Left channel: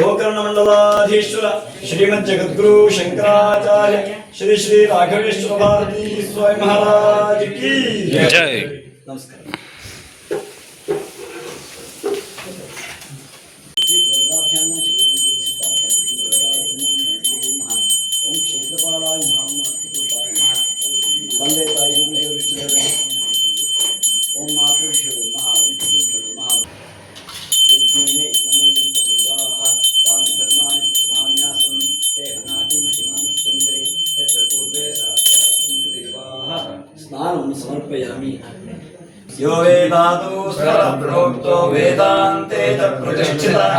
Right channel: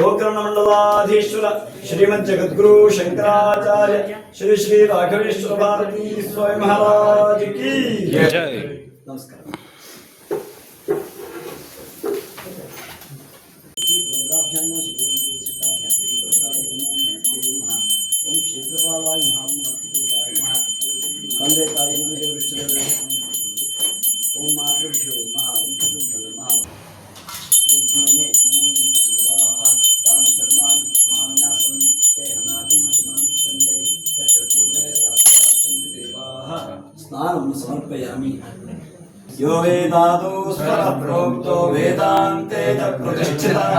गोकर्णमंडलाधीश्वर श्रीमद जगद्गुरु शंकराचार्य श्री श्री राघवेश्वर भारती स्वामी महाराज की जय। नमस्कार। ತಂದೆ ತಾಯಿ ಓಂ ಮಾತೃಭ್ಯೋ ಮಹಾ ಓಂ ಪಿತೃಭ್ಯೋ ಮಹಾ ಯಜ್ಞೇನೆ ದೇವಾಃ ತಾನಿ ಧರ್ಮಾಣಿ ಪ್ರಥಮಾನ್ಯಾಸಂ ಏಕನಾಥಂ ಮಹಿಮಾನಶ್ಚಂದ್ರೇ ಯತ್ರ ಪೂರ್ವೇ ಸಾಕ್ಷಾತ್ ಸಂತು ದೇವಾಃ ಸ್ನಾನಂ ಸಮರ್ಪಯಾಮಿ। यो वेदादौ स्वरप्रोक्तो वेदान्ते च प्रतिष्ठितः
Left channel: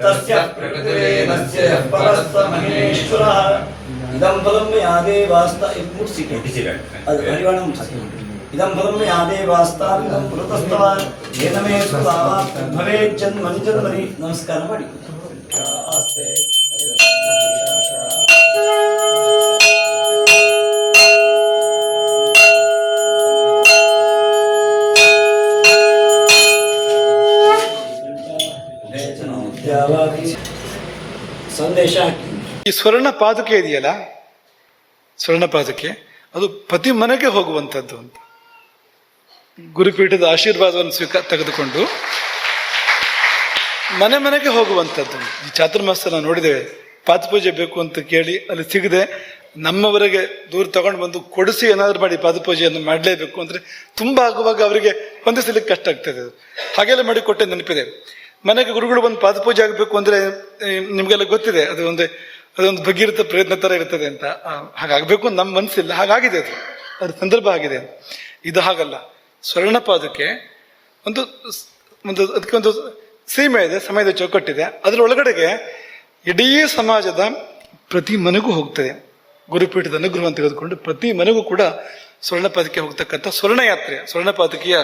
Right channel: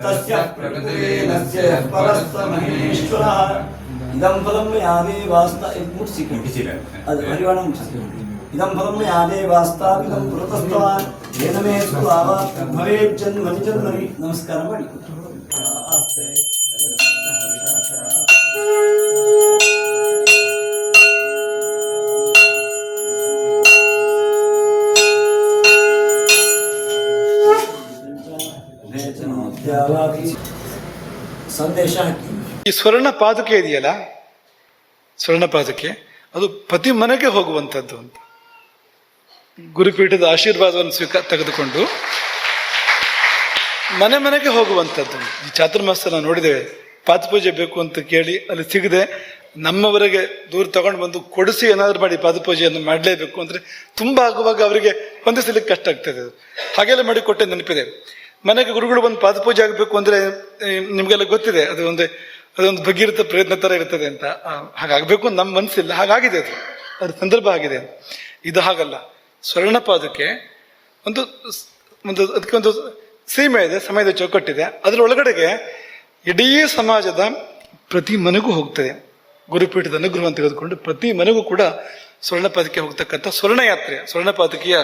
तस्य प्रकृतिरेनस्य यः परस्तमहेश्वरः इदं फलं मया देवास्ता ಅದು ಹರಿವಣಂ ಇದಂ ಫಲಂ ಮಯಾ ದೇವಾಸ್ತಾವಿದಂ ಪುರತಸ್ತವಾನ್ ಏನ ಮೇ ಸುತಾವಾ ಭವೇತ್ ಜನ್ಮನಿ ಜನ್ಮನಿ। ನಮಸ್ಕಾರ ಮಾಡಿ ಆಸ್ತೆ ಸಂದೇಶ ಹಾಕಿ ಈ ಸ್ವರ್ಣ ಪಾದುಕೆ ಇದೆಯಲ್ಲ, ಸ್ವರ್ಣ ಪಾದುಕೆ ಅದು ಪ್ರತಿ ಮನೆಗೆ ಹೋಗುವಂಥದ್ದು ಅಂತ ಗುರುಪೀಠದ ಆಶೀರ್ವಾದವನ್ನು ತೆಗೆದುಕೊಂಡು ಮನೆ ಮನೆಗೆ ಹೋಗುವಂಥದ್ದು. ಈ ಚಾತುರ್ಮಾಸ ನಾವು ನೋಡಿದ್ದೇವೆ, ಪಾದಪೂಜೆ ಬೇಕು ಅಂತ ಕೇಳಿ ಅಲ್ಲಿ ಸಿಗದೆ ನಮ್ಮವರೆಗೆ ದೂರ ತಗೊಂಡು ಬಂದು ಕೊಡಿಸಿ ಏನಾದ್ರು ಮಾಡಿ ಪಾದಪೂಜೆಯನ್ನು ಮಾಡಲೇಬೇಕು ಅಂದ್ರೆ ತುಂಬಾ ಆಗುವಾಗ ಅವರಿಗೆ ಹೊಂದಿಸಲಿಕ್ಕೆ ಕಷ್ಟ ಆಗ್ತದೆ. ಹಾಗೆಲ್ಲ ಮಾಡಿ ಕೊಟ್ಟೆ ನೆನಪಿದೆ. ಮನೆಗೆ ಗುರುಗಳು ಬಂದು ಪಾದಪೂಜೆ ಆಗಬೇಕು ಅಂದ್ರೆ ನಿಮ್ಗೆಲ್ಲ ಗೊತ್ತಿದೆ, ಅದೊಂದು ಭಗೀರಥ ಪ್ರಯತ್ನ ತರ ಇರ್ತದೆ ಅಂತ. ಹಾಗಾಗಬೇಕು ನಮ್ಮ ಮನಸ್ಸಿಲ್ಲ, ಹಾಗಾಗಿದೆ, ಅದ್ರ ಸಂದರ್ಭ ಆಗಿದೆ. ಇದು ಹಾಗಲ್ಲ. ಸ್ವರ್ಣ ಪಾದಕ್ಕೆ ಅದಕ್ಕೆ ಒಂದು ಸೀಮೆ ಇದೆ, ಸಮಯದ ಚೌಕಟ್ಟಿದೆ. ಅದರೊಳಗಡೆಗೆ ಇಡೀ ಸಮಾಜದ ಪ್ರತಿ ಮನೆಗೂ ಹೋಗ್ತದೆ. ಗುರುಪೀಠದ ಅನುಗ್ರಹವನ್ನು ತೆಗೆದುಕೊಂಡು ಪ್ರತಿ ಮನೆಗೂ ಕೂಡ ಸ್ವರ್ಣ ಪಾದಕ್ಕೆ ಹೋಗ್ತಕ್ಕಂಥ ಸ್ವರ್ಣಯಾತ್ರೆ, ಸ್ವರ್ಣ ಪಾದಕಿಯ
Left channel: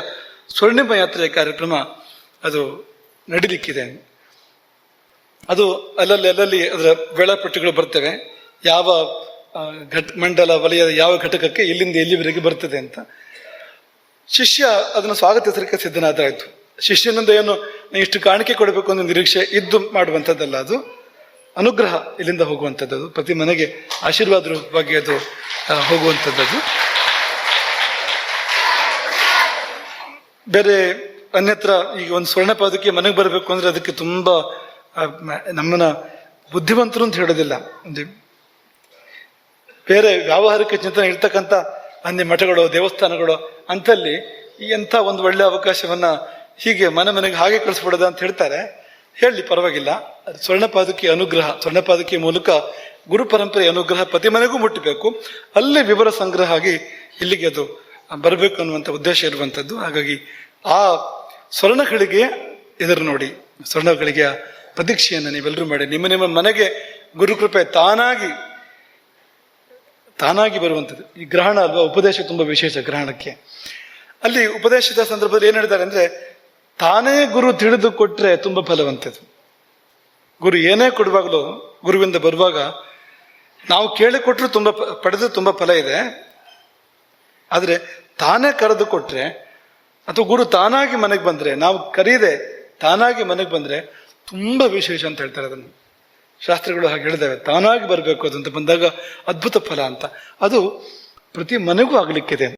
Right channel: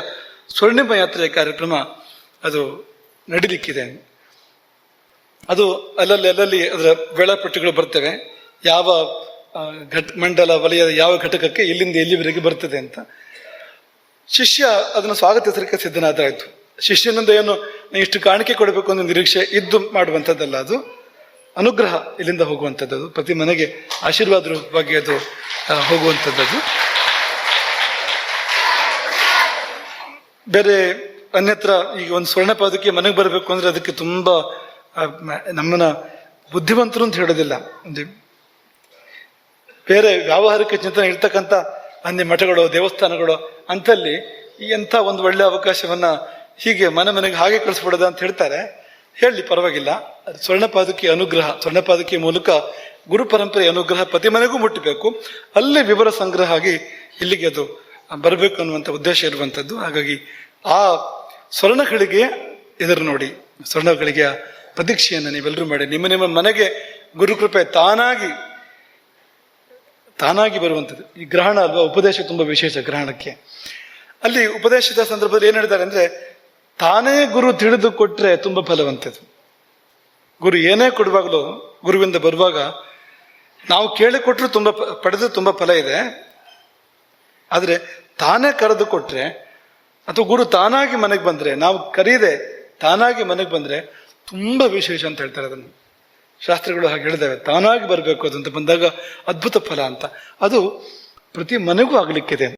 ಸ್ವರ್ಣಿಮ ಯಾತ್ರೆಯ ಕಾರ್ಯಕ್ರಮ ಅದು ನಡಿಲಿಕ್ಕಿದೆ. ಅದು ಅಲ್ಲಲ್ಲಿ ಅದರ ವೇಳಾಪಟ್ಟಿಗಳು ಬರ್ತವೆ, ಯಾವ ಮಂಡಲ ವಲಯದ ಯಾವ ಘಟಕಕ್ಕೆ ಇಲ್ಲಿಂದ ಎಲ್ಲಿವರೆಗೆ ಬರ್ತದೆ ಅಂತ. ಶಿಷ್ಯ ಅದನ್ನು ಸ್ವಾಗತಿಸಲಿಕ್ಕೆ ಸಿದ್ಧನಾದಾಯ್ತು. ಶಿಷ್ಯನಿಂದ ಏನು ಇಷ್ಟು ಕಾಣಿಕೆ ಕೊಡಬೇಕು ಅನ್ನೋ ನಿರೀಕ್ಷೆ ಇದ್ದು ಮಾಡುವಂಥದ್ದಲ್ಲ, ಅದು ಅನುಗ್ರಹ ಇಲ್ಲಿಂದ ಹೋಗುವಂಥದ್ದು. ಪ್ರತಿ ಮನೆಗೆ ಆಶೀರ್ವಾದ ರೂಪವಾಗಿ ಅದು ಹೋಗುವಂಥದ್ದು. ಬೇರೆ ಅನ್ಯತ್ರ ಈಗ ಒಂದು ಸ್ವರ್ಣ ಪಾದಕ್ಕೆ ಮನೆಗೆ ಬರಬೇಕು ಅಂದ್ರೆ ಅದಕ್ಕೆ ತುಂಬಾ ನಮ್ಮನ್ನ ಬುದ್ಧಿವಂತರು ಅಂತ ಹೇಳೋದಿಲ್ಲ, ಬೇರೆ ವ್ಯಾವಹಾರಿಕ ಚಿಂತನೆ ಇರ್ತಕ್ಕಂಥ ಅನ್ಯ ಮಠಗಳು ದೇವಸ್ಥಾನಗಳು ಅಂತಲ್ಲಿ ಎಂಥ ಒಂದು ಒಳ್ಳೆ ಅವಕಾಶವನ್ನ ಹೀಗೆ ಮನೆಗೆ ಹಾಗೆ ಕಳಿಸ್ಬಿಡೋದ ಅಂತ ಹೇಳ್ತಾರೆ. ಹೇಳಿ ಪರವಾಗಿಲ್ಲ. ಸ್ವರ್ಣ ಪಾದಕಿ ಅನುಗ್ರಹ, ಸ್ವರ್ಣ ಪಾದಕಿಯ ಮೂಲಕ ಗುರು ಪರಂಪರೆ ಅನುಗ್ರಹ ಪ್ರತಿ ಮನೆಗೂ ಮುಟ್ಟಬೇಕು. ಅಲ್ಲಿ ವಿವರ ಸಂಗ್ರಹ ಆಗಿ ಇಲ್ಲಿಗೆ ಅದು ಬರಬೇಕು ಅನ್ನುವಂಥ ಉದ್ದೇಶ ಇರುವಂಥದ್ದು. ಹಾಗಾಗಿ ಆ ಸ್ವರ್ಣಗಳಿಗೆ ಎದುರು ನೋಡಿ, ಸ್ವರ್ಣಗಳಿಗೆ ಪ್ರತೀಕ್ಷೆಯನ್ನು ನೀವೆಲ್ಲರೂ ಮಾಡಿ ನಿಮ್ಮ ಮನೆಗೆ ಗುರುಕೃಪೆ ತಾನಾಗಿ ಬರುವಂಥದ್ದು. ಈ ಗ್ರಹಣ ಅಲ್ವಾ, ಉಪದೇಶ ತುಂಬಾ ವಿಶೇಷ. ಗ್ರಹಣಕ್ಕೆ ಅಲ್ಲಿ ಉಪದೇಶದ ಸಂದರ್ಭದಲ್ಲಿ ಏನ್ ಹೇಳಿದ್ದಾರೆ ಅಂದ್ರೆ, ತಾನೇ ಗುರು ತಿಳಿದು ಕೊಟ್ರೆ ತುಂಬಾ ಫಲವಂತದ್ದು. ಗುರು ಏನೇ ಕೊಡುವಾಗಲೂ ಗುರುವಿಂದ ಬರುವಾಗ ನಾವು ಕೇಳಿಕೊಟ್ರು ಪಡೆದು ತುಂಬಾ ಫಲ ಇದೆ. ಆದ್ರೆ ತಾನೇ ಕರೆದು ಕೊಟ್ರೆ ಅಥವಾ ಗುರು ತಾನಾಗಿ ಮನೆಗೆ ಬಂದ್ರೆ, ನಾವು ಕರೀದೆ ತಾನಾಗಿ ಮನೆಗೆ ಬಂದ್ರೆ ತುಂಬಾ ವಿಶೇಷ ಅಂತ ಹೇಳ್ತಾರೆ. ಅದನ್ನು ಶಾಸ್ತ್ರಗಳು ಹಾಗೆ ಹೇಳಿದಾವೆ, ತಾನಾಗಿ ಬರಬೇಕು ಅದು ಅಂತ ಬಂದಾಗ ಅದ್ಭುತ ಫಲ ಅಂತ. ಅದು ಪ್ರತಿ ಮನೆಗೂ ಆಗ್ಲಿಕ್ಕಿದೆ.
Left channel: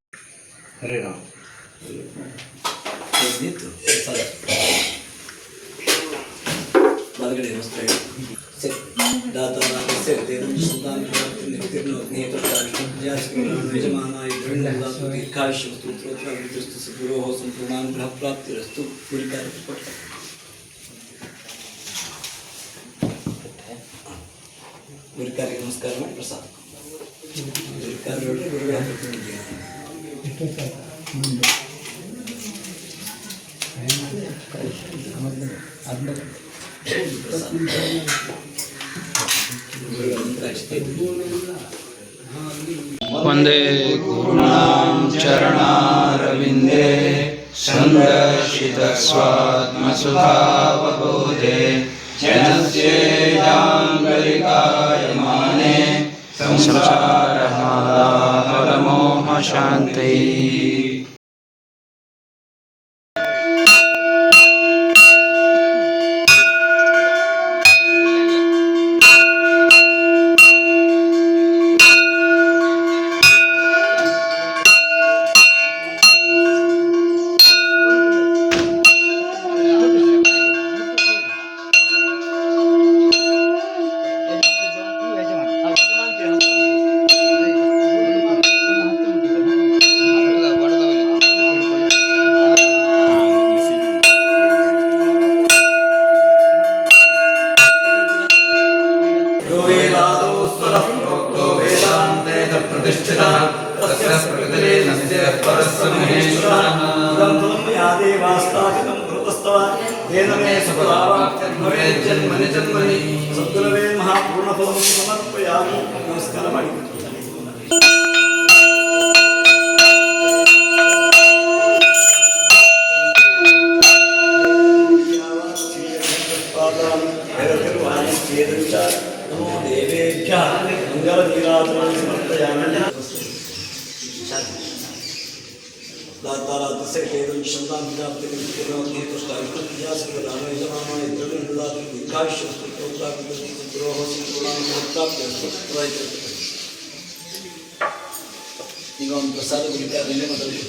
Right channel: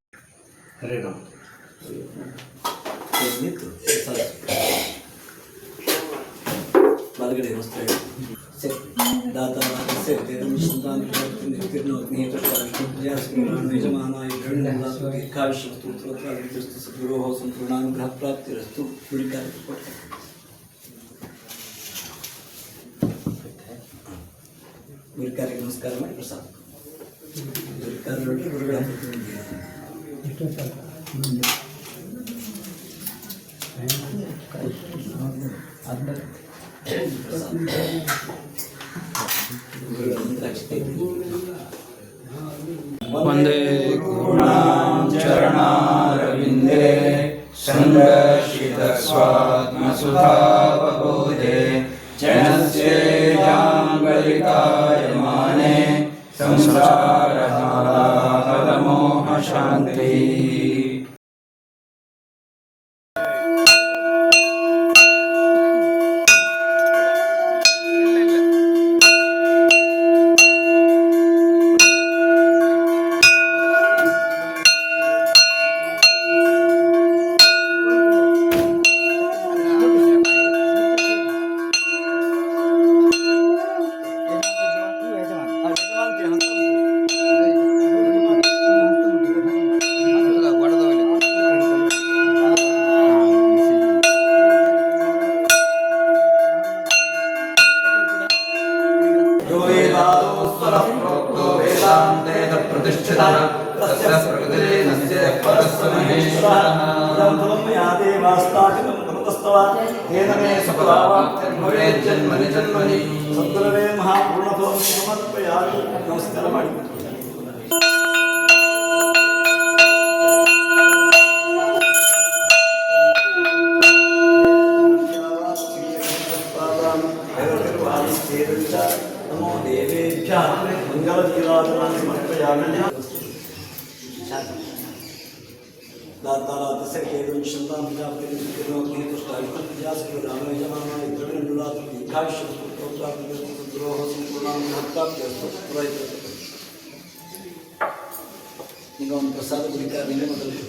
ಗುರುಕಾರಿಗೆ ನಮಸ್ಕಾರ ಮಾಡಿ ಪ್ರಸಾದ. ಗುರುಗಳ वन्दे गुरूणां चरणारविन्दे सन्दर्शितस्वात्मसुखावबोधे जनस्येजाङ्गलिकायमाने संसारहालाहलमोहशान्तिः। ಸದ್ಗುರವೇ ಮಹಾಪೂರ್ಣಫಲಂ ಸಮರ್ಪಯಾಮಿ. ನಮಸ್ಕಾರ ಮಾಡಿ. ನಮೋ ದೇವೇಭ್ಯಃ ಮಂಗಲನೀರಾಜನಾಂ ಸಮರ್ಪಯಾಮಿ. दातारातस्य केदं शन्तां विजाप्तिर्विक्रमोऽग्ने तुष्टायुक्तिजासकदानो यजमानो इन्द्रविन्ददातु दीर्घायुष्यस्तुत्रोत्रापितति सुद्रोः संपूर्णां भक्ताप्यस्तु प्रयतते. ಈಗ ಒಂದು ಪ್ರಸಾದ ಕುರಿತಾದ ನಿನ್ನೆ ಮೊದಲು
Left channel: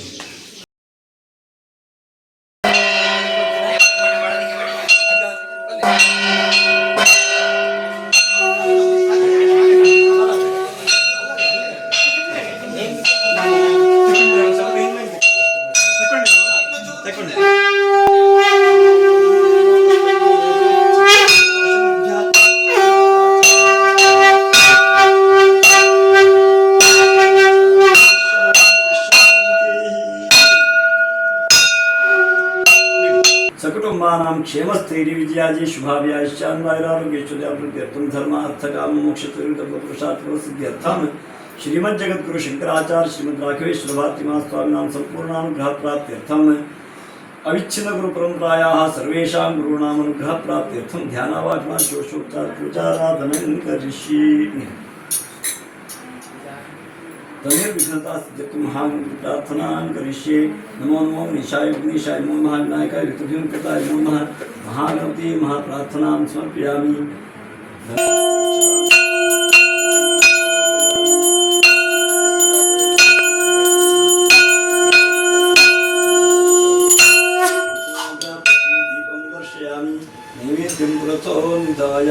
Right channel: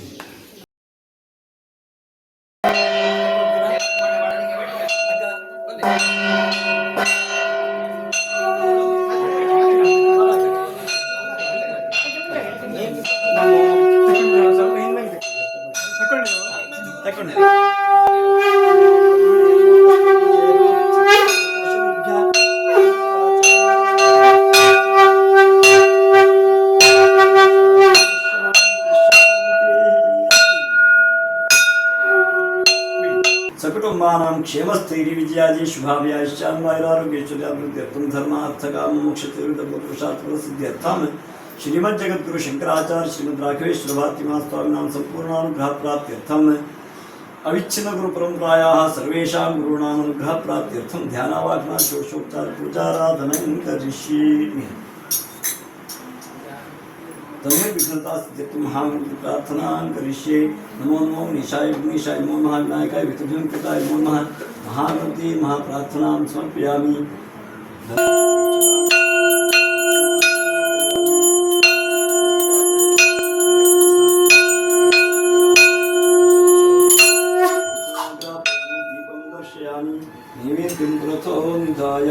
सकुटुंबानां क्षेमस्थैर्य विजयाजी शुभाभ्याश्चान्वायुरारोग्यैश्वर्याभिवृद्ध्यर्थं धर्मार्थकामोक्षचतुर्विधपुरुषार्थफलसिद्ध्यर्थं श्रीमज्जगद्गुरु शंकराचार्य श्रीमद् राघवेश्वर भारतीमा स्वामिनां संपूर्णानुग्रहप्राप्त्यर्थं अविच्छिन्न गुरुपरंपरायाः सर्वेषां गुरूणाम् अनुग्रहप्राप्त्यर्थं ध्यानावाचना षोडशोपचार पूजाराधनं करिष्ये. तमेर्विघ्नतासिद्ध्यर्थं महामन्त्र प्रार्थनां करिष्ये. नमो नमो ईशाय विघ्नेशाय नमो महाविनायकाय विघ्नकृताय नमो नमः. महागणपति महाप्रार्थनां समर्पयामि. दीपं दर्शयामि. नैवेद्यं पुरतो निधाय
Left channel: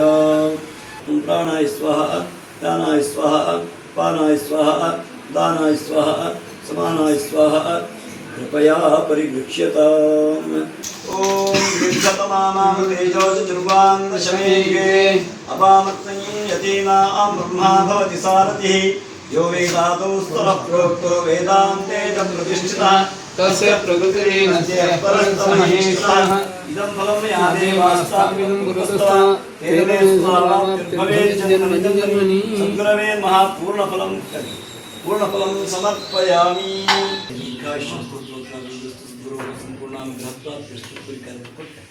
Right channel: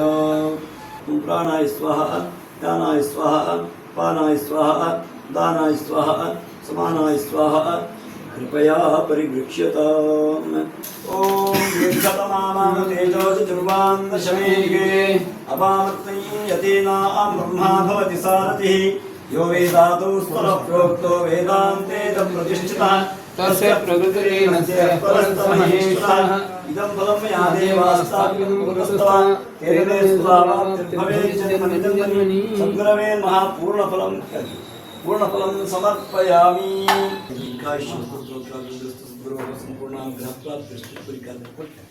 प्राणाय स्वाहा ध्यानाय स्वाहा पानाय स्वाहा दानाय स्वाहा समानाय स्वाहा कृपया परिगृह्यताम्. ओम दीर्घतमानां तेजोजर्वान्दशमेघे अपामर्तये यतीनां ब्रह्मा भवति सारथिः. यो वेदादौ स्तरः प्रोक्तो वेदान्ते च प्रतिष्ठितः तस्य प्रकृतिरेनस्य परस्तमहेश्वरः. इदं फलं मया देवास्ताभ्यं कृतस्तवः तेन मे सुभावाप्तिर्भवेत् जन्मनि जन्मनि. सद्गुरवे महापूर्णफलं पूर्णफलं समर्पयामि. दीर्घायुष्यस्तुत्रोत्राभिवृद्धिस्तुद्गुरोः सम्पूर्णानुग्रहप्राप्तिर्स्तु परिकल्पते.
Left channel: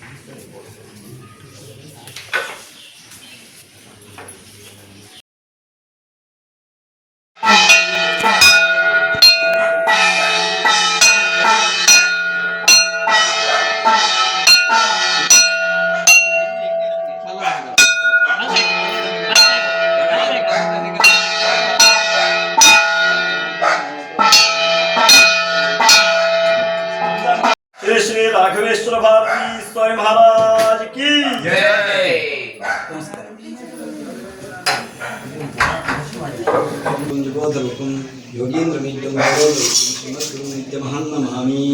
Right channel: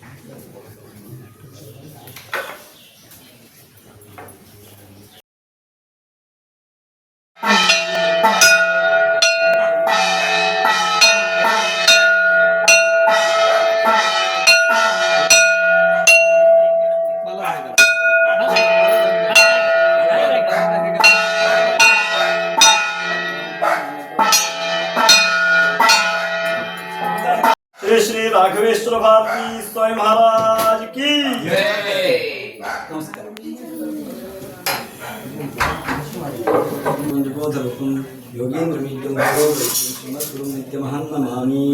श्री राघवेश्वर भारती स्वामी महाराज की जय. नमस्कार. कुंजबोधरूपं योगेन्द्रमीड्यं गौरवरूपं श्रीमद्गुरुं नित्यमहं नमामि.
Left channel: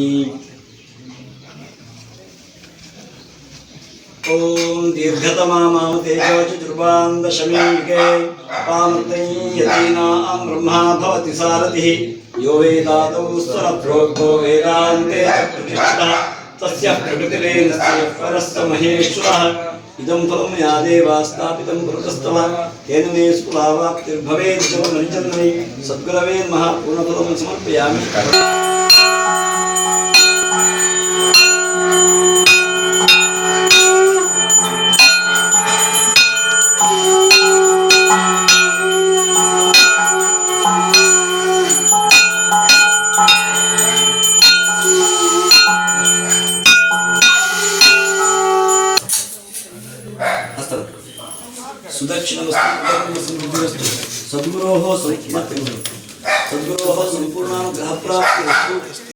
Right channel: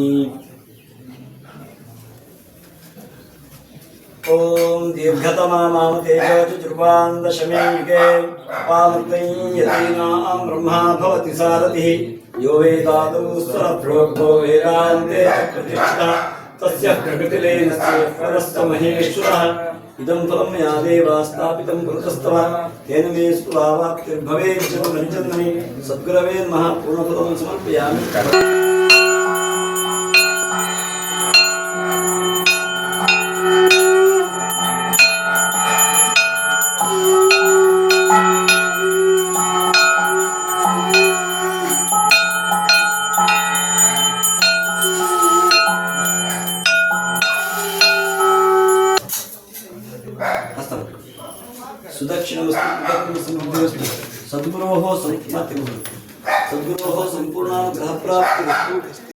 ओम दीर्घतमानां तेजोचतुर्वान्दशमेघे अपामर्तये यतीनां ब्रह्मा भवति सारथिः. यो वेदादौ स्वरप्रोक्तो वेदान्ते च प्रतिष्ठितः तस्य प्रकृतिरेनस्य परस्य महेश्वरः. इदं फलं या देवास्तापितं पुरतस्तव तेन मे सुलावाप्तिर्भवेत् जन्मनि सद्गुरवे नमः पूर्णफलं समर्पयामि। सुदक्षिणमस्तु सद्गुरोः संपूर्णानुग्रहप्राप्तिरस्तु। सद्गुरोः संपूर्णानुग्रहप्राप्तिरस्तु।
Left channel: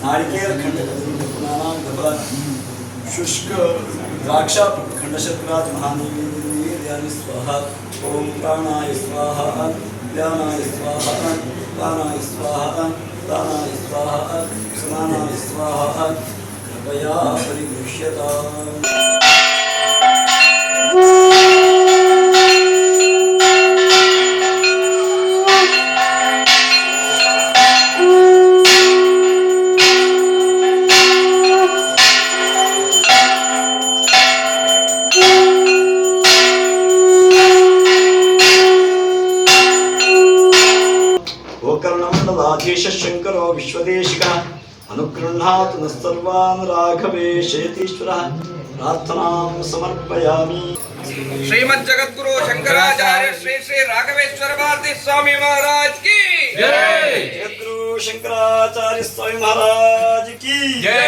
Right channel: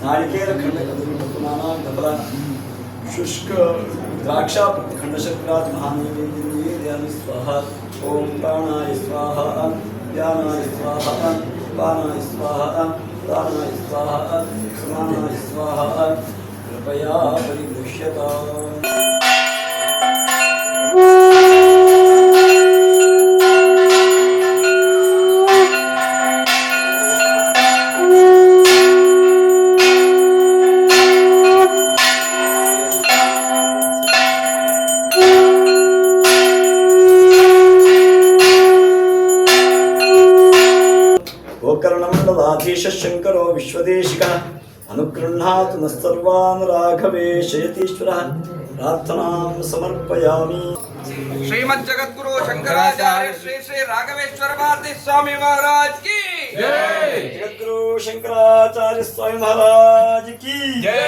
नारिकेल खंड शुष्क द्राक्षा खंड शर्करात महानैवेद्यानि स्वाहा। ओम प्राणाय स्वाहा ज्ञानाय स्वाहा पानाय स्वाहा दानाय स्वाहा समानाय स्वाहा कृपया परिदृश्यताम्। गोकर्णमण्डलाधीश शंकरो विश्वदेशिकः अनुगृह्णातु नः सर्वान् राघवेश यतीश्वरः प्रार्थनां समर्पयामि। श्रीमज्जगद्गुरु शंकराचार्य श्री श्री राघवेश्वर भारती स्वामी महाराज की जय। जगद्गुरु शंकराचार्य स्वामी महाराज की जय।